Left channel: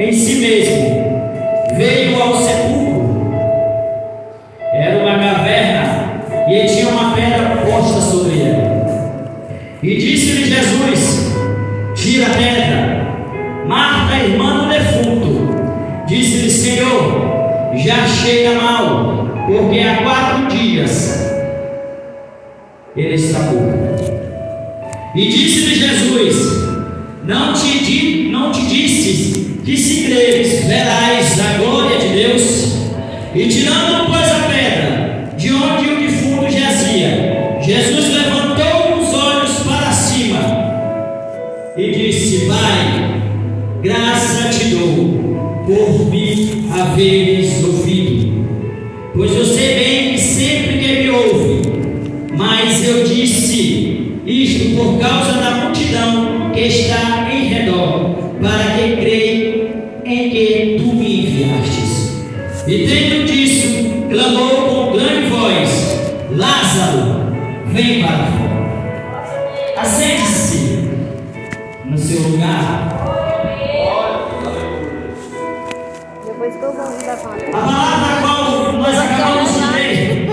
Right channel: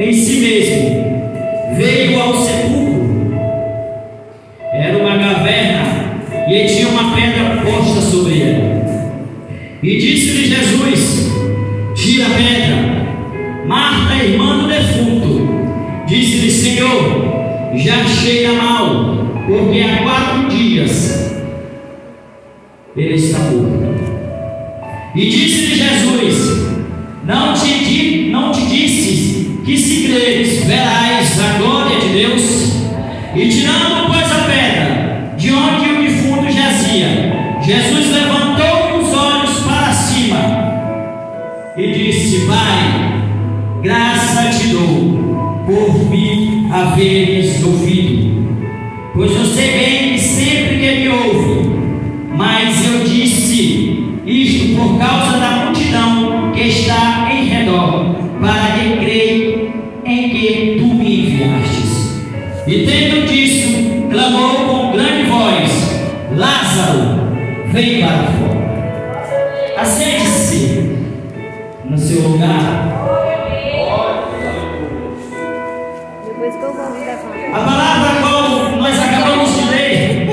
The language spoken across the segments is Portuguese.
em si mesmo, veio ao sepulcro. Era uma caverna e tinha uma pedra posta sobre ela. E disse-lhe Jesus: tira a pedra. Marta, irmã do defunto, disse-lhe: Senhor, já cheira mal, porque há 4 dias ele está morto. E disse-lhe Jesus: não te disse que se creres verás a glória de Deus? E tirando, pois, a pedra de onde o defunto jazia, Jesus levantou os olhos para cima e disse: Pai, graça te dou por me haveres ouvido, pois eu sei bem que sempre que me ouve, mas eu disse isto por causa da multidão que está em redor, para que creia em que tu me enviastes. E tendo disso, clamou com grande voz: Lázaro, vem para fora. Assente-se no seu lugar. Depois que eu vou me levar. A palavra como nós acabamos de ler,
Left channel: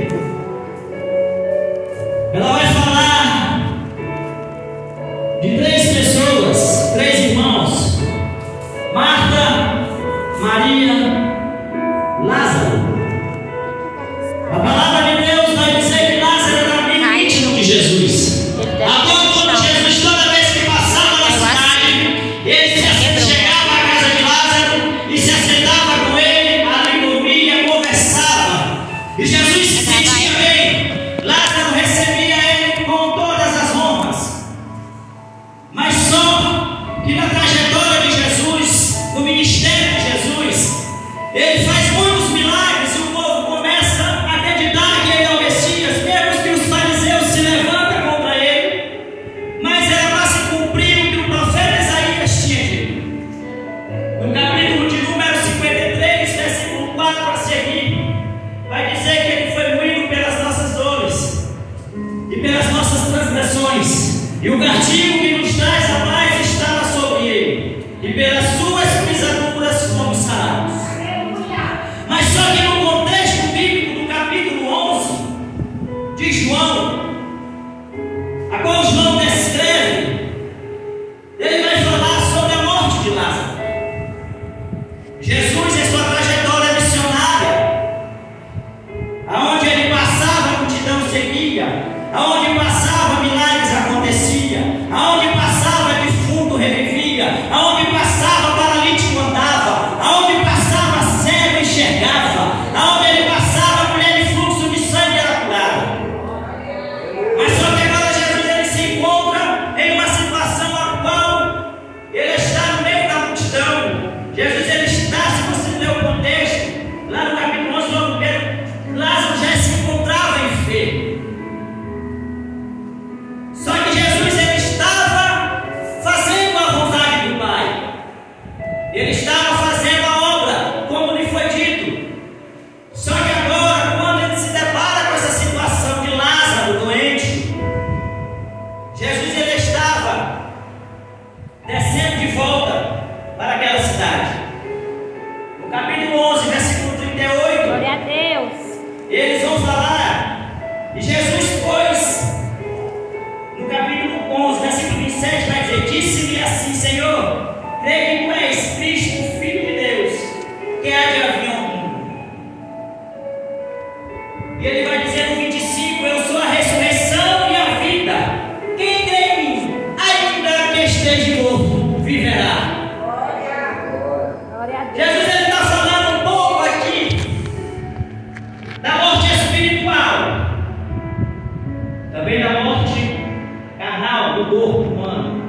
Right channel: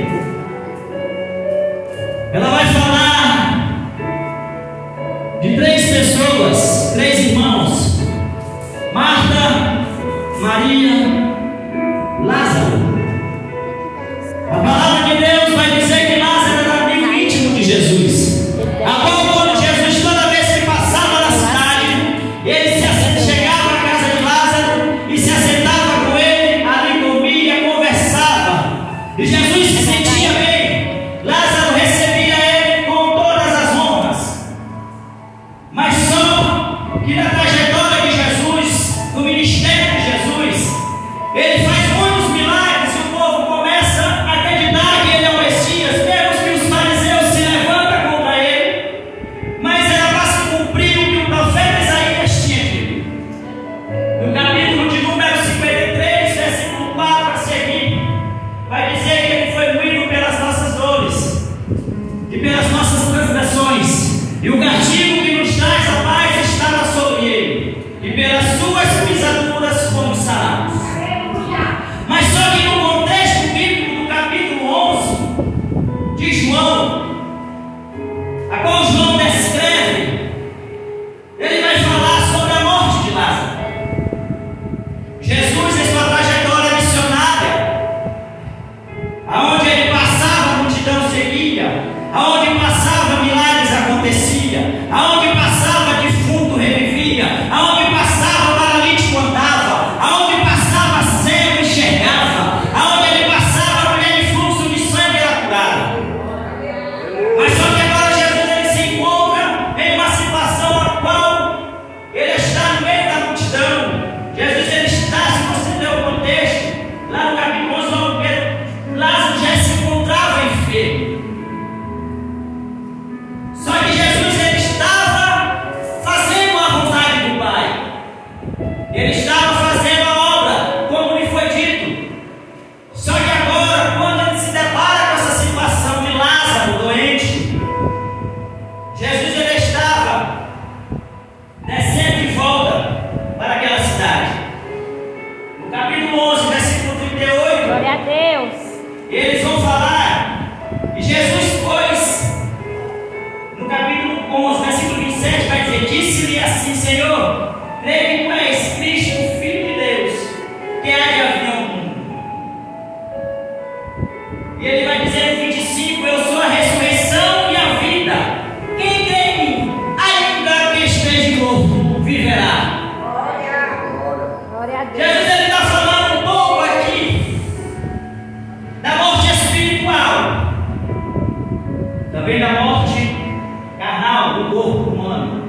ela vai falar de 3 pessoas, 3 irmãos: Marta, Maria, Lázaro. A palavra de Deus vai dizer que Lázaro era amigo íntimo de Jesus. Agora, quando Jesus, toda vez que passava na cidade, ele chegava à casa de Lázaro e se assentava com ele, ali comia, conversava. E Jesus se sentia bem. Lázaro recebia ele com todas as honras. Mas só que na trajetória de Jesus, no ministério de Jesus, ele faz muitos milagres e o povo começa a acreditar que ele é o Messias. Vemos que os fariseus se levantam contra ele, mas era para se cumprir o que o profeta Isaías tinha dito. No capítulo de número 53, versículo 4 a seguir, vai dizer que ele foi moído pelas nossas dores e pelas nossas transgressões, e o castigo que nos traz a paz estava sobre ele, e pelas suas pisaduras fomos sarados. Mas só que no contexto bíblico do capítulo 11 de João, a qual João descreve, ele vai falar sobre a morte de Lázaro. Jesus, em sua trajetória missionária, aonde ele passava, a multidão seguia, aonde passava, milagres acontecia, aonde passava, defunto revivia, aonde passava, paralítico andava, aonde passava, cego enxergava, aonde ele passava, mulher de fluxo de sangue era curada. Mas só que agora Jesus, ele se encontra em uma situação a qual ele está no meio da multidão. Jesus, ele está, se você der o contexto, lá no capítulo 11, logo primeiro, Lázaro já se encontrava enfermo. Só que Jesus, ele estava fazendo a vontade do Pai. Ele estava fazendo a obra, como lhe foi dito. Só que agora, quando ele se depara com essa situação de Lázaro doente, Jesus, ele estava descendo de volta para aquela cidade. No capítulo 11, versículo 38, Glória a Deus. eles vão falar, e Jesus, pois, no capítulo 11, versículo 27, vai dizer: disse-lhe assim: Senhor, creio que tu és Cristo, Filho de Deus, que há de vir ao mundo. E ele vai dizer no 25: eu sou a ressurreição e a vida. Quem crê em mim, ainda que esteja morto, viverá. Glória a Deus. Jesus, ele está falando um pouco aqui da morte espiritual, também da morte carnal do corpo humano.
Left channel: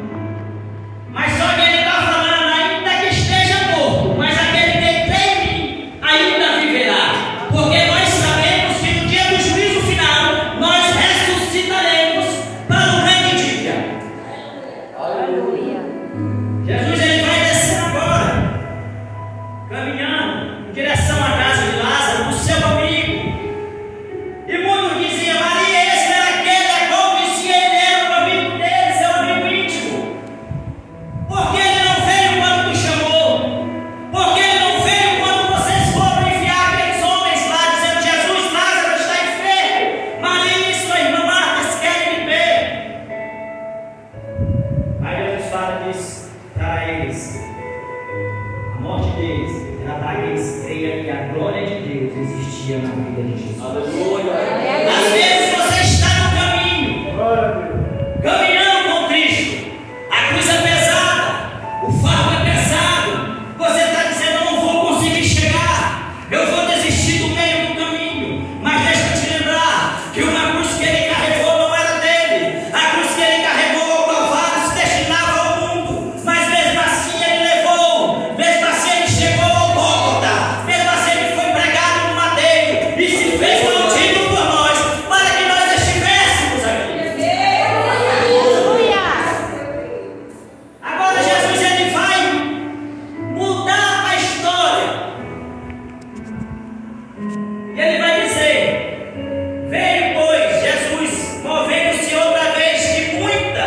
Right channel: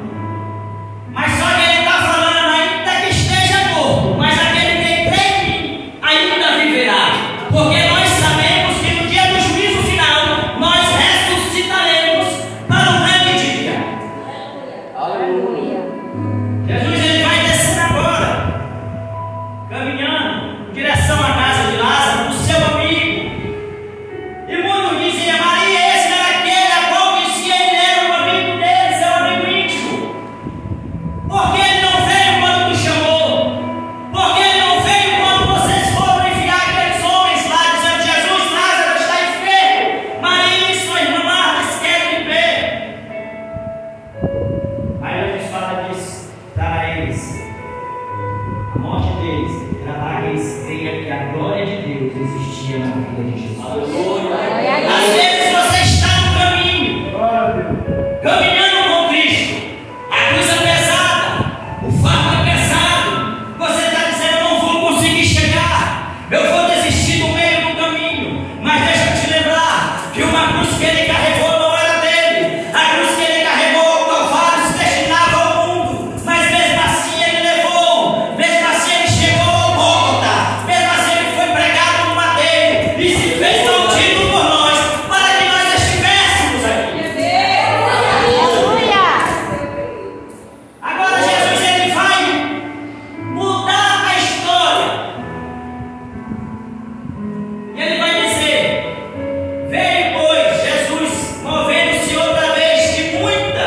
Mas só que ele está falando, ainda que esteja morto, mas aquele que crê em mim ainda viverá. Porque nós sabemos que no dia do juízo final nós ressuscitaremos para o grande dia. Aleluia. Jesus, ele vai descer agora, caminhando em direção à casa de Lázaro, do seu amigo. E muitos diziam: Maria, esse era aquele a qual disse que ele era o amigo dele, seu amigo íntimo. Por que ele não veio quando tu chamou? dia na vida de Jesus. Aleluia. Às vezes você está no caminho, caminhando com Cristo, a cruz é pesada, o fardo é pesado, você está dizendo: eu não vou conseguir chegar, eu vou desistir do meio do caminho. Mas deixa eu te lembrar que uma cruz que ele carregou não era dele, a cruz que ele carregou ao Calvário se destinava ao mundo, mas mesmo assim ele levou, mesmo assim ele chegou ao Gólgota, mesmo assim ele foi pregado no madeiro e se fez maldito por nós, para que nós estivéssemos aqui. Agora Jesus ele vai mudar a história. E ele vai dizer: veio, pois, Jesus, movendo-se outra vez de muita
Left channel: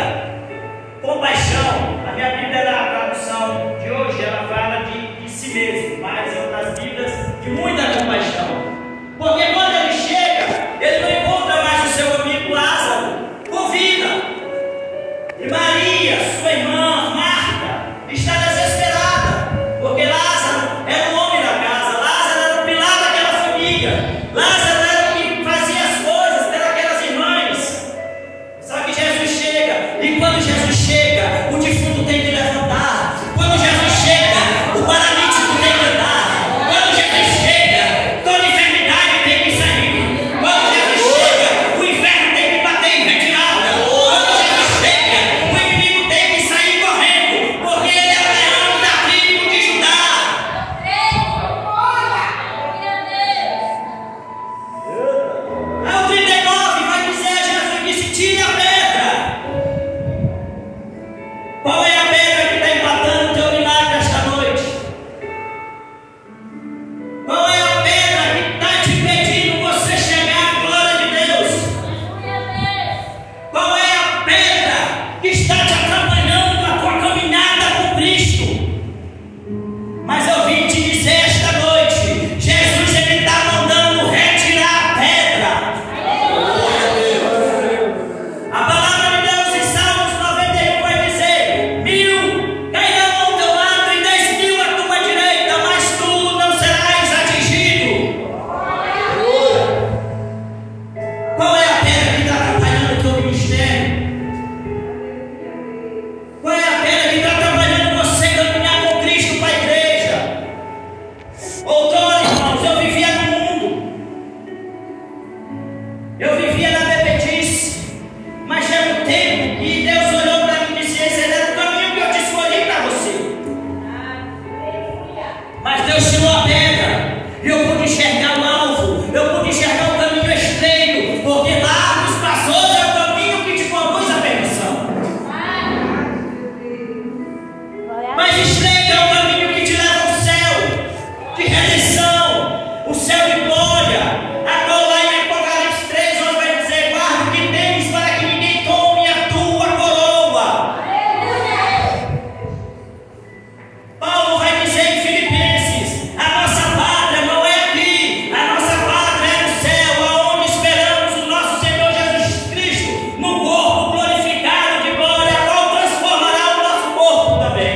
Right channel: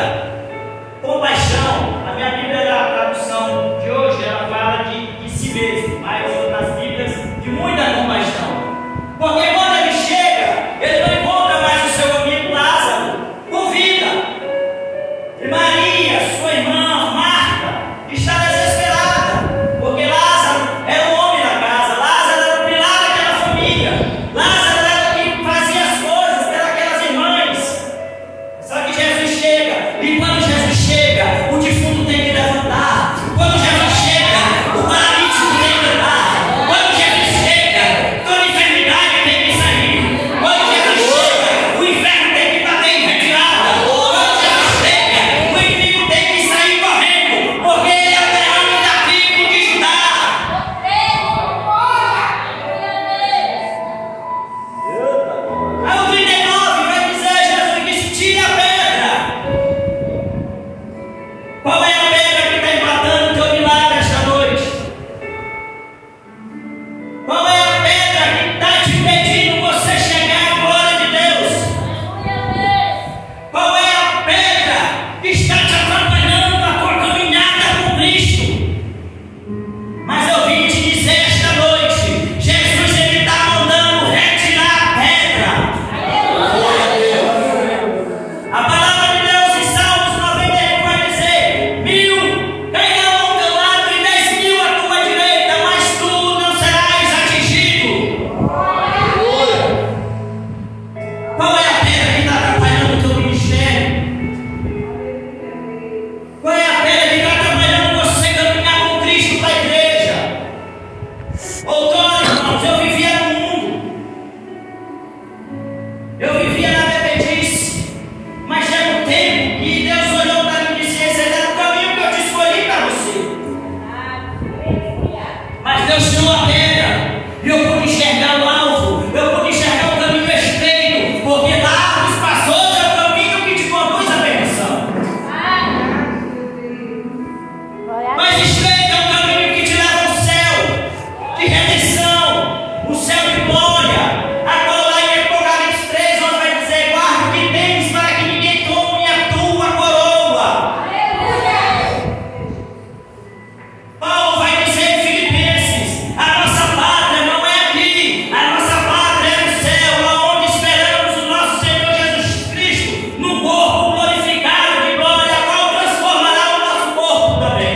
compaixão. A minha Bíblia, a tradução de hoje, ela fala de si mesmo, mas outras Bíblias, de muita compaixão. Porque quando ele chega, ele não encontra mais o seu amigo Lázaro com vida. E Maria, sua irmã, Marta, está desesperada, porque Lázaro era o homem da casa, Lázaro era o pilar daquela família, Lázaro era o que fazia as coisas pelas irmãs. Só que Jesus chega, e quando Jesus chega, o defunto tem que levantar. Quando Jesus chega, o paralítico tem que andar. Quando Jesus chega, toda enfermidade tem que sair. Quando Jesus chega, o inferno tem que bater em retirada. Quando Jesus chega, o inimigo tem que sair correndo, porque ele é o leão da tribo de Judá. Aí o 39 vai dizer: Jesus disse: tira a pedra. Qual é a pedra que está empatando o teu milagre esta noite? Qual é a pedra que está te impedindo você chegar à glória de Deus? Qual é a pedra que está te atrapalhando a tua caminhada com Cristo? Mas eu vim te dizer esta noite: Jesus ele está mandando retirar a pedra. A palavra de Deus em Salmos 91 vai dizer: 1000 cairão ao teu lado e 10.000 à tua direita, mas tu não serás atingido. Qual é a pedra que está atrapalhando o teu ministério? Qual é a pedra que está atrapalhando você caminhar com Cristo para a igreja? Outrora, irmãos, eu vivia no mundo, eu vivia na bebedice, mas chega um tempo e Deus olhou para mim e disse: esse era o caminho que eu te escolhi para você. Mas Deus tirou a pedra e eu pude enxergar o alvo, eu pude enxergar o caminho estreito, porque largo e espaçoso é o caminho que te conduz à perdição. Mas estreito é o caminho que te leva ao céu de redenção, o céu de glória. Agora lá em Apocalipse 3, onde vai dizer: guarda o que tens para que ninguém tome a tua coroa. Paulo vai dizer em Filipenses: a nossa pátria não é aqui, a nossa pátria é no céu, aonde esperamos o nosso Senhor Jesus Cristo, no corpo glorificado de glória, a qual transformará o nosso corpo também.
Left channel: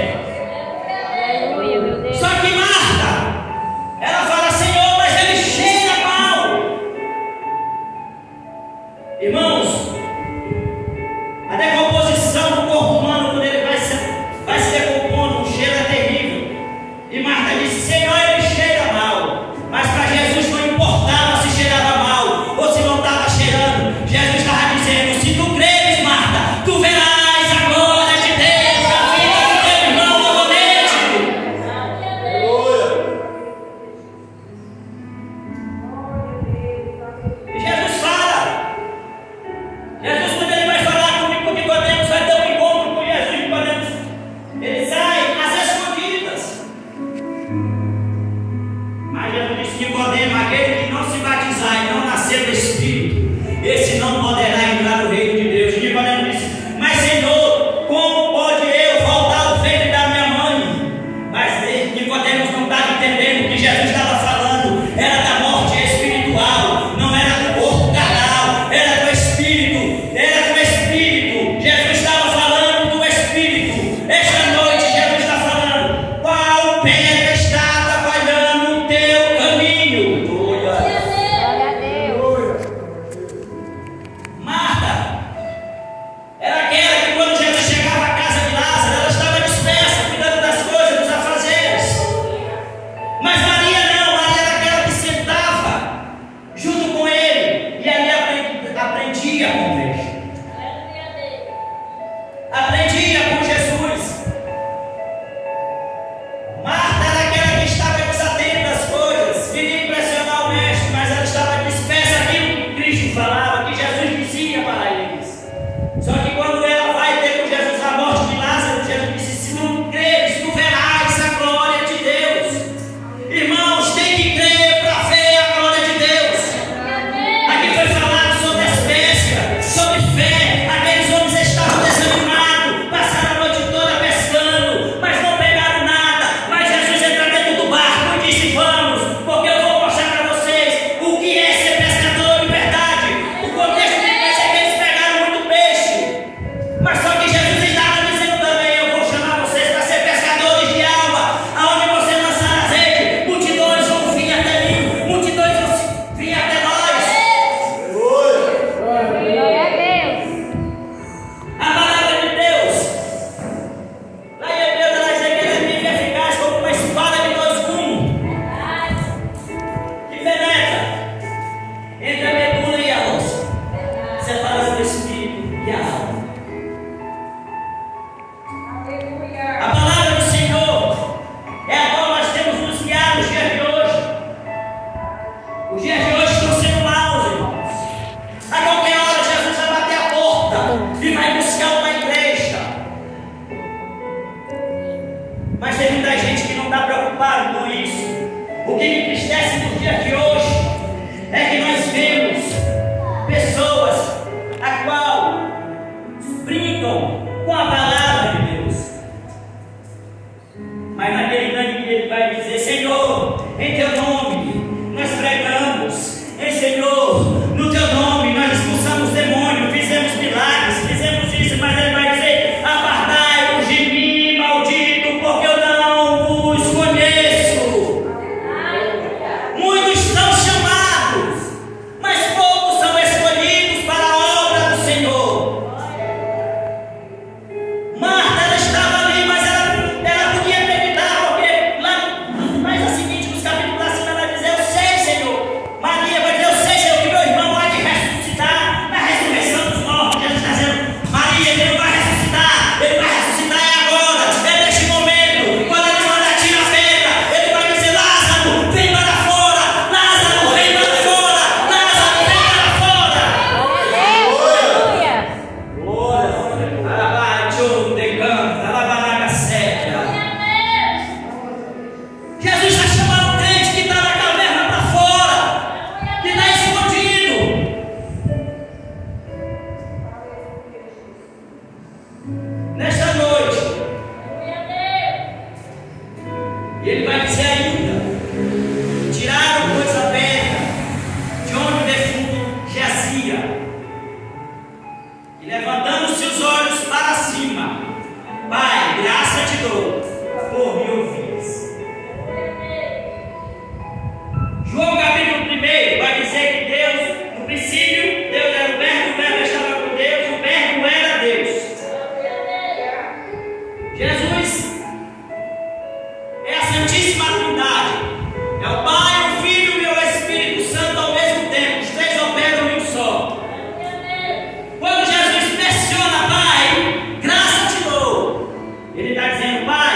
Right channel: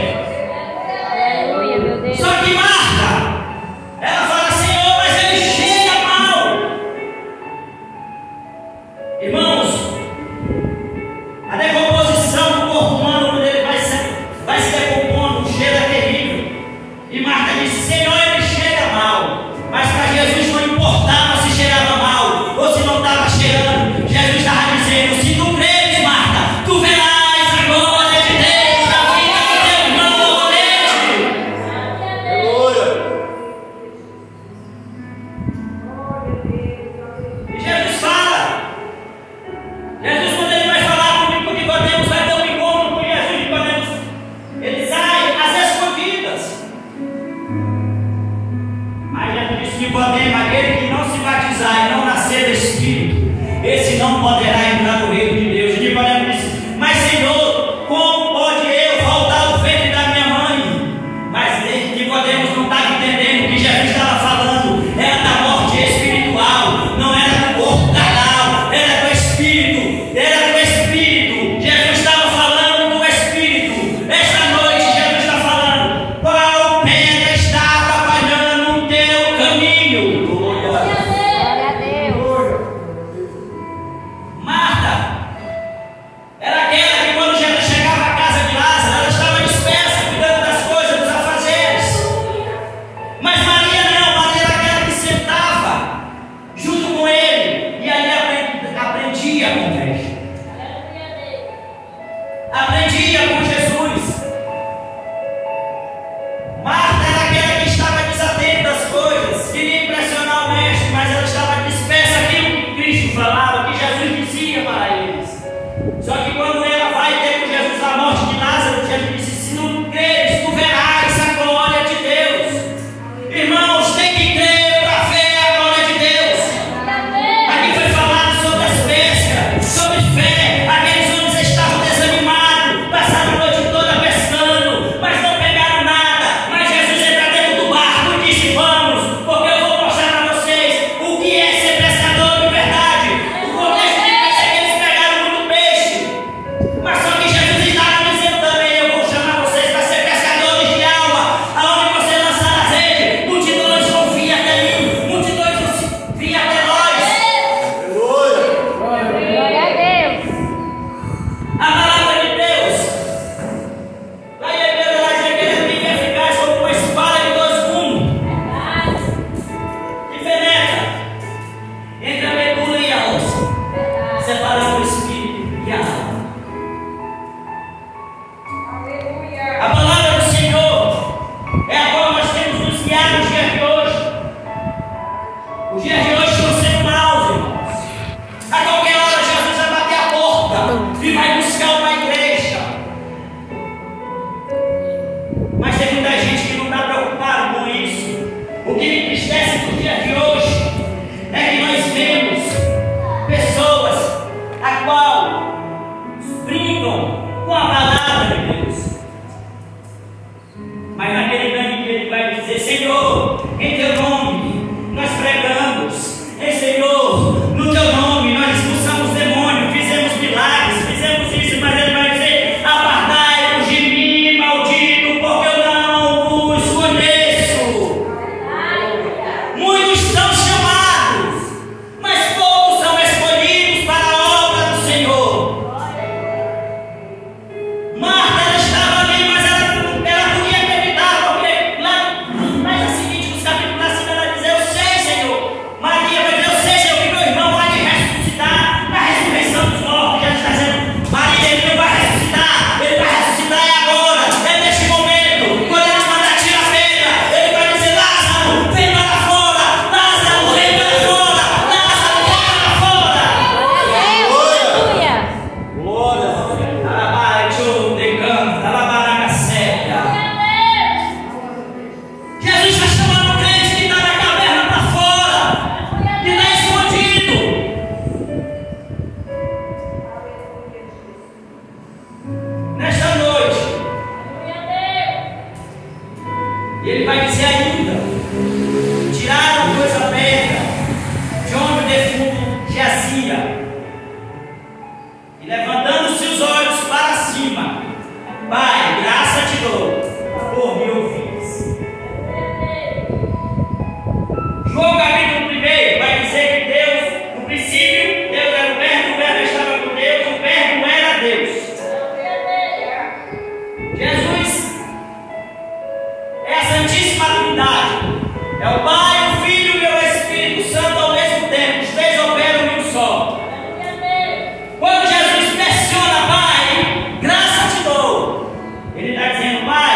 que me entristece no dia de hoje é que nós vemos pessoas a qual brincam com a palavra de Deus. Mas naquele grande dia ele vai dizer: Senhor, em teu nome nós pregamos, Senhor, no teu nome nós expulsamos demônio, fizemos milagres, fizemos isso, mas ele vai dizer: apartai-vos de mim, maldito, porque eu não vos conheço. Muitos são chamados, mas poucos são escolhidos para a obra do Senhor. Marta, ela estava ali, mas ela podia acreditar, porque lá a seguinte, nos capítulos acima, ela diz: eu sei, Senhor. Maria vai dizer: eu sei, Senhor, que meu irmão há de ressuscitar na ressurreição dos mortos. Jesus está dizendo: Maria, ele vai ressuscitar é agora, é neste momento. Quando ele mandar tirar a pedra, ele vai dizer: Lázaro, vem para fora, Lázaro, vem para fora, Lázaro, vem para fora. Aleluia. Jesus está chamando o crente que está na caverna para fora, que está escondido. Nesta noite, ele vai dizer ainda: tiraram coisa aberta de onde o defunto jazia, e levantando seus olhos para cima, Pai, graça te dou por me ouvires. João capítulo 1 vai dizer que Deus, no princípio, Deus era o Verbo estava com Deus, o Verbo era Deus. Jesus é a Santíssima Trindade, é o Pai, o Filho e o Espírito Santo ao mesmo tempo, os três operam em um só. Quando Jesus pressiona: Pai, graça te dou, ele está dizendo: Pai,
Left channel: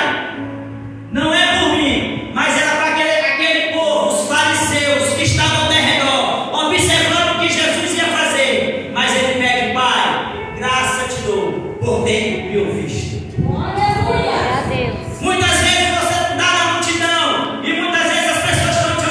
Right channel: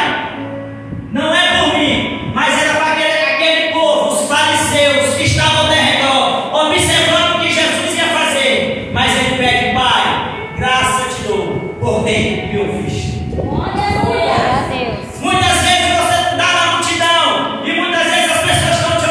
não é por mim, mas era para aquele povo, os fariseus que estavam ao redor, observando o que Jesus ia fazer. Mas ele pede: Pai, graça te dou por ter me ouviste. Glória a Deus. Muitas vezes você está na multidão e muitas vezes as pessoas estão te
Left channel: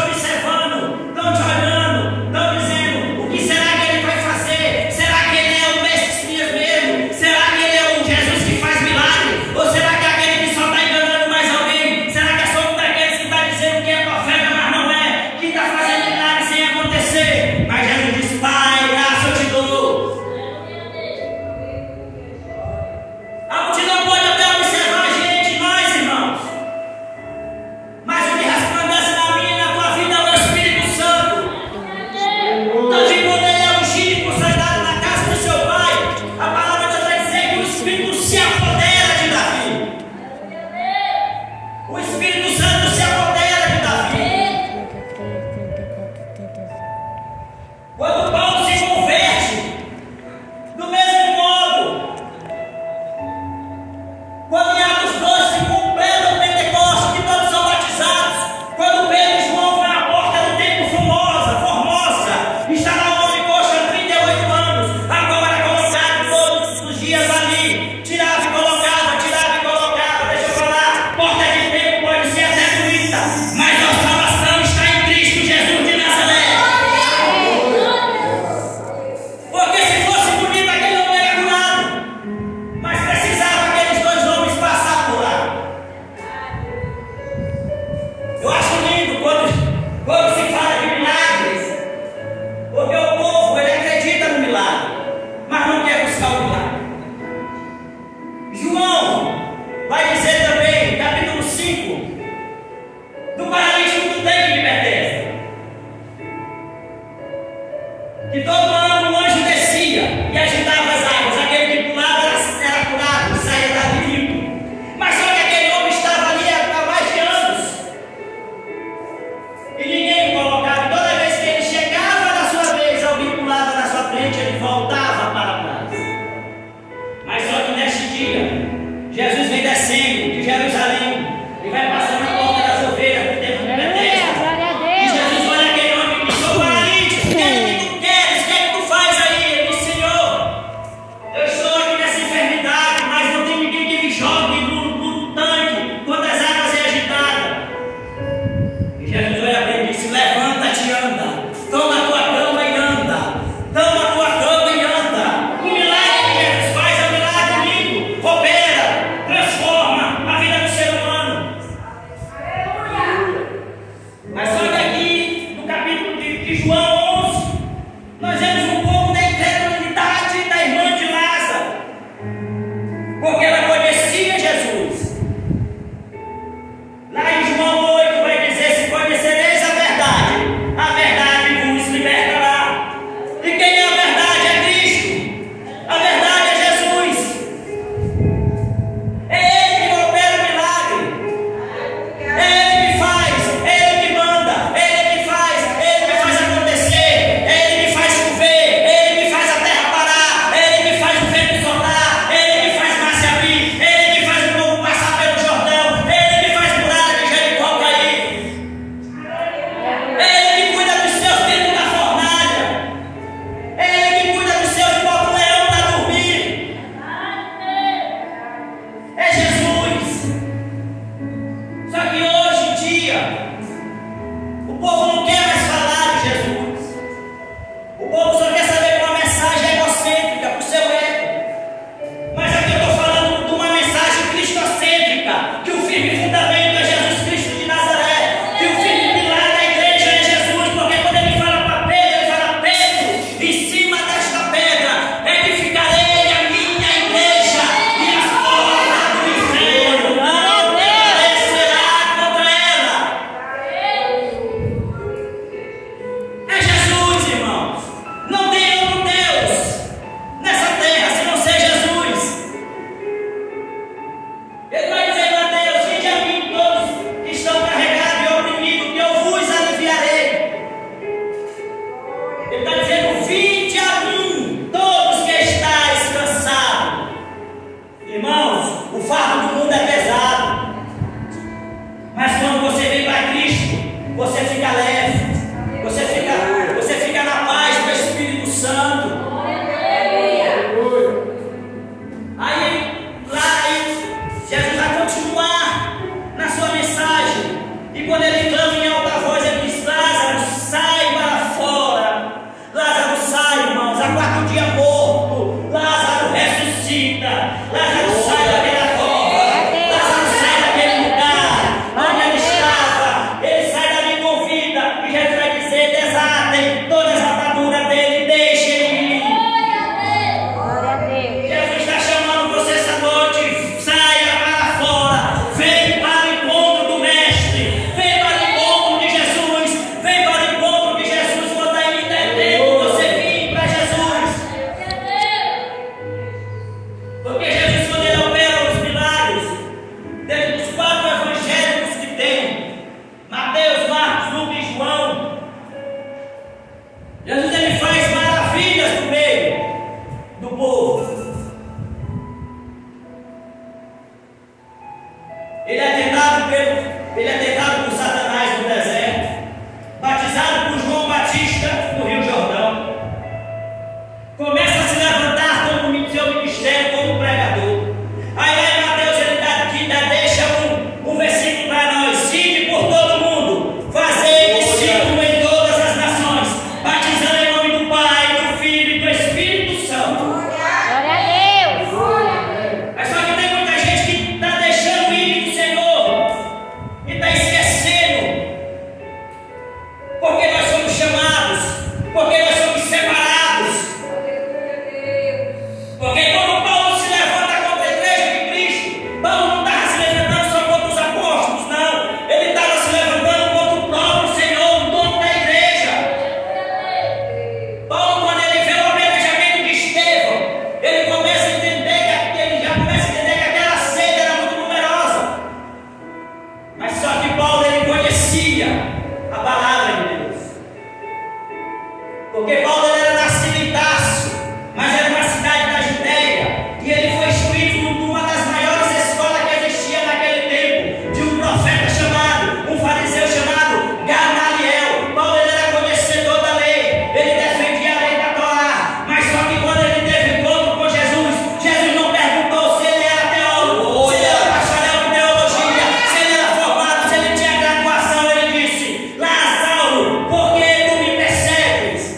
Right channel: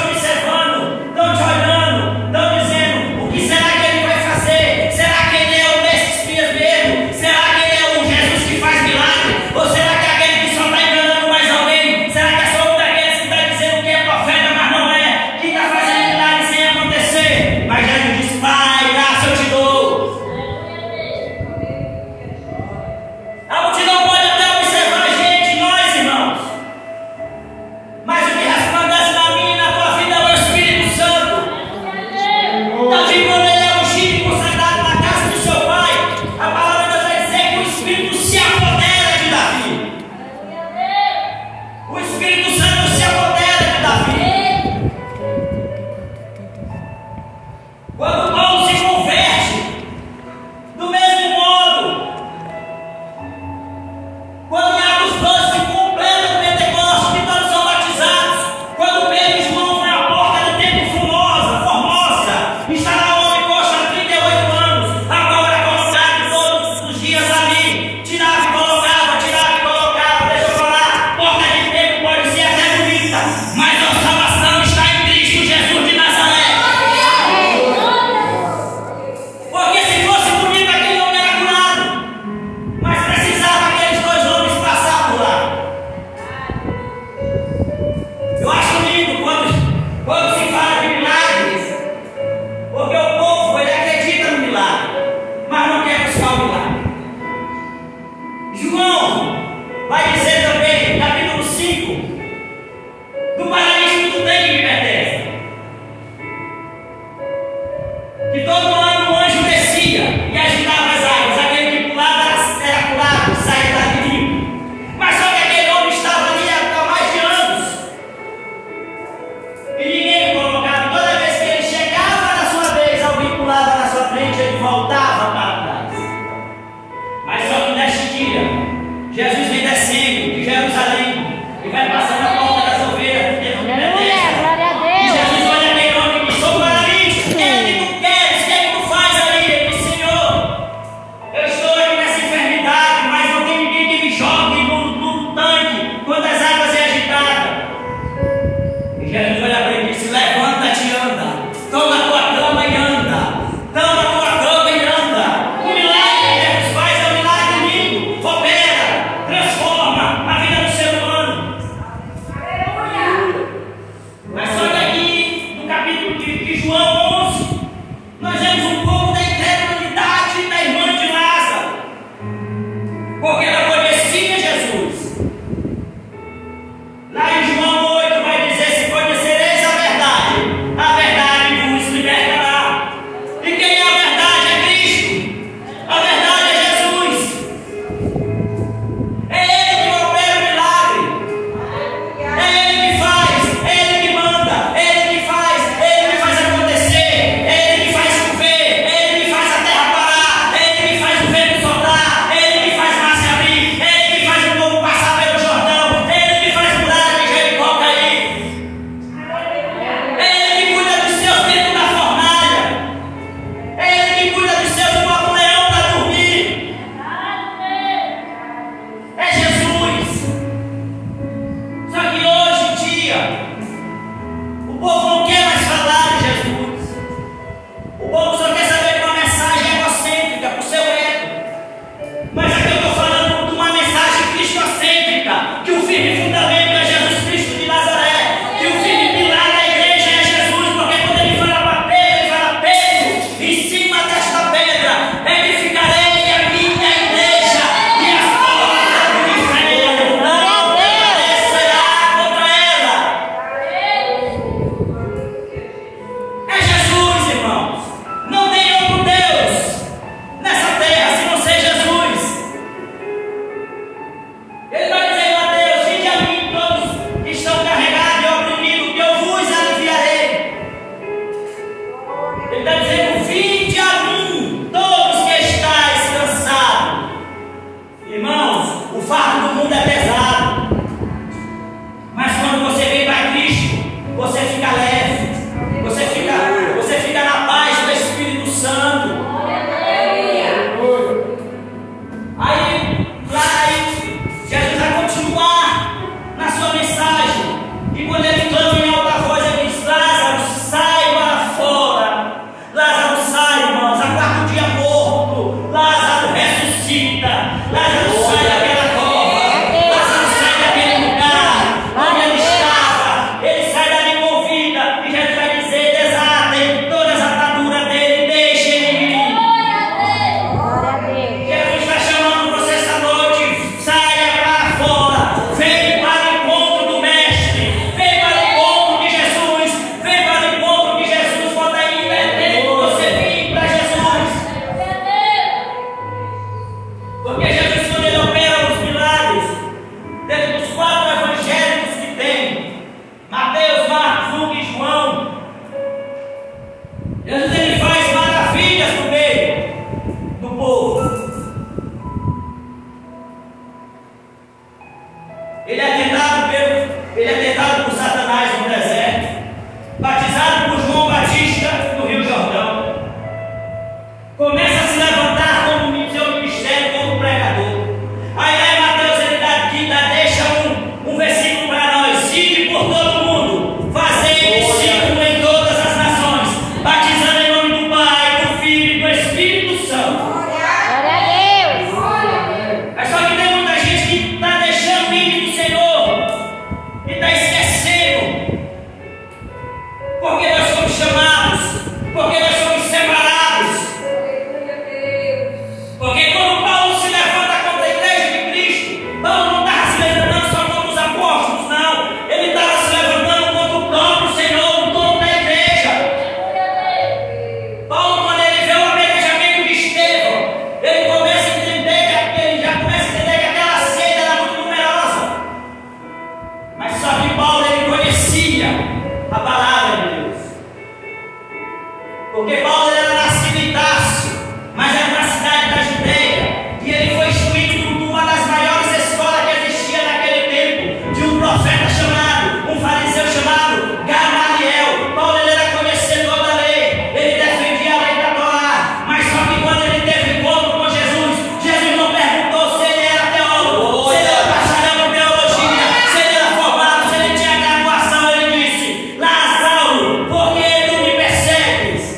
Porque Paulo era nascido em Tarso, mas era uma cidade da Judeia, e ele foi instruído numa das maiores escolas que existia naquele tempo, de um profeta chamado, um fariseu chamado Gamaliel. Paulo ele era conhecedor da lei, ele defendia a lei da Torá, mas só que quando ele teve encontro com Jesus, Jesus não perguntou se ele era teólogo, se ele era bacharel em teologia, se ele era formado, se ele tinha graduação. Ele disse: Saulo, por que tu me persegues?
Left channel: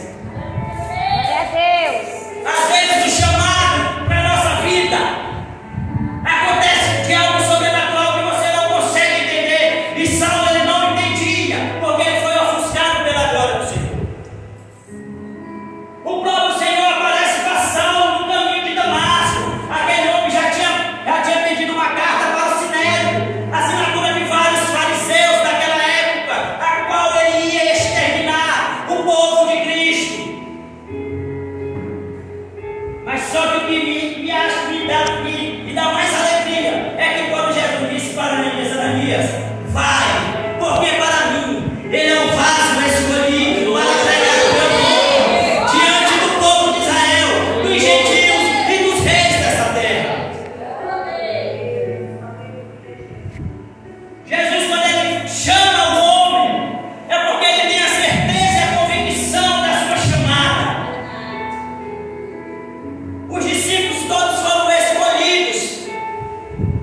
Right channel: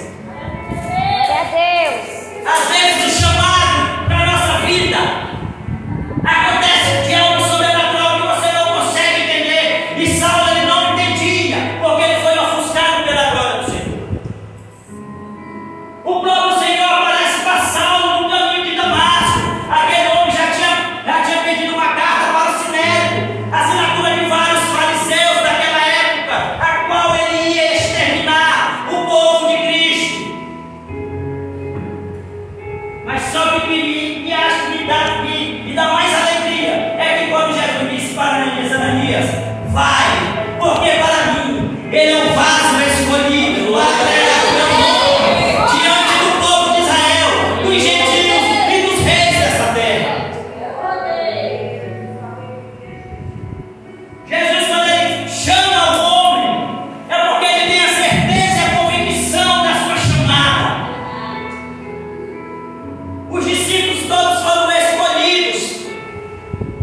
Às vezes o chamado para a nossa vida acontece de algo sobrenatural que você não consegue entender. E Saulo ele não entendia, porque ele foi ofuscado pela glória do Senhor. O próprio Senhor aparece para Saulo no caminho de Damasco. Aquele homem já tinha pedido uma carta para o Sinédrio, assinatura de vários fariseus daquela época, a qual ele ia exterminar o povo de Cristo. Mas só que me dá mais alegria é que quando Jesus disse para Ananias: vai, porque para mim ele é um vaso escolhido para pregar o meu nome diante do povo de Israel, dos gentios e dos reis dessa terra. Jesus, quando ele chama o homem, é porque ele tem a certeza e a convicção da sua chamada. Os discípulos todos foram escolhidos,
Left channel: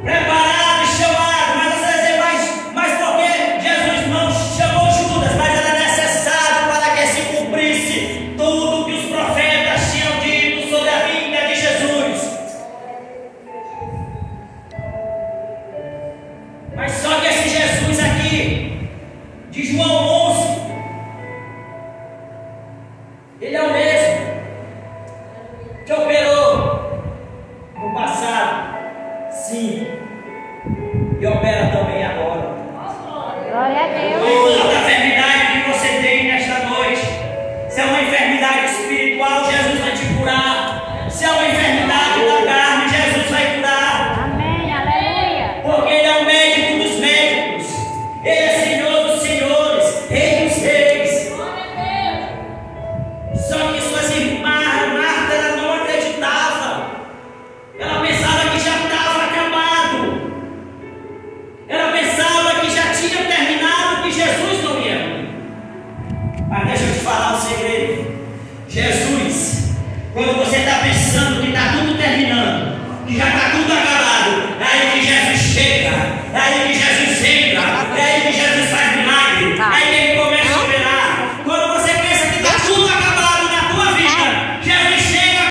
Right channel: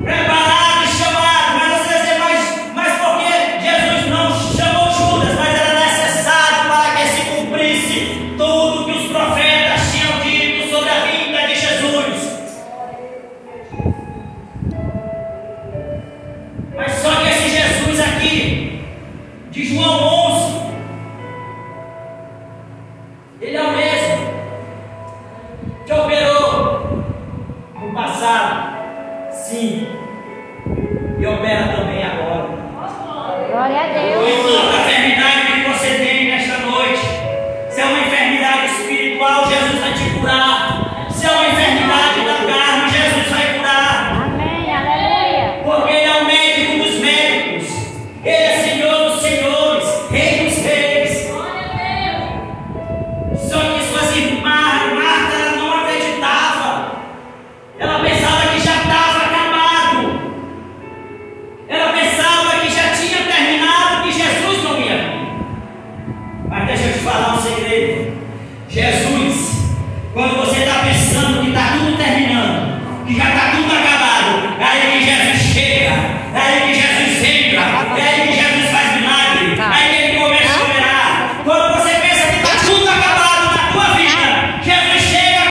preparados, chamados, mas às vezes mas porque Jesus não chamou Judas, mas era necessário para que se cumprisse tudo que os profetas tinham dito sobre a vinda de Jesus. Mas só que esse Jesus aqui, de João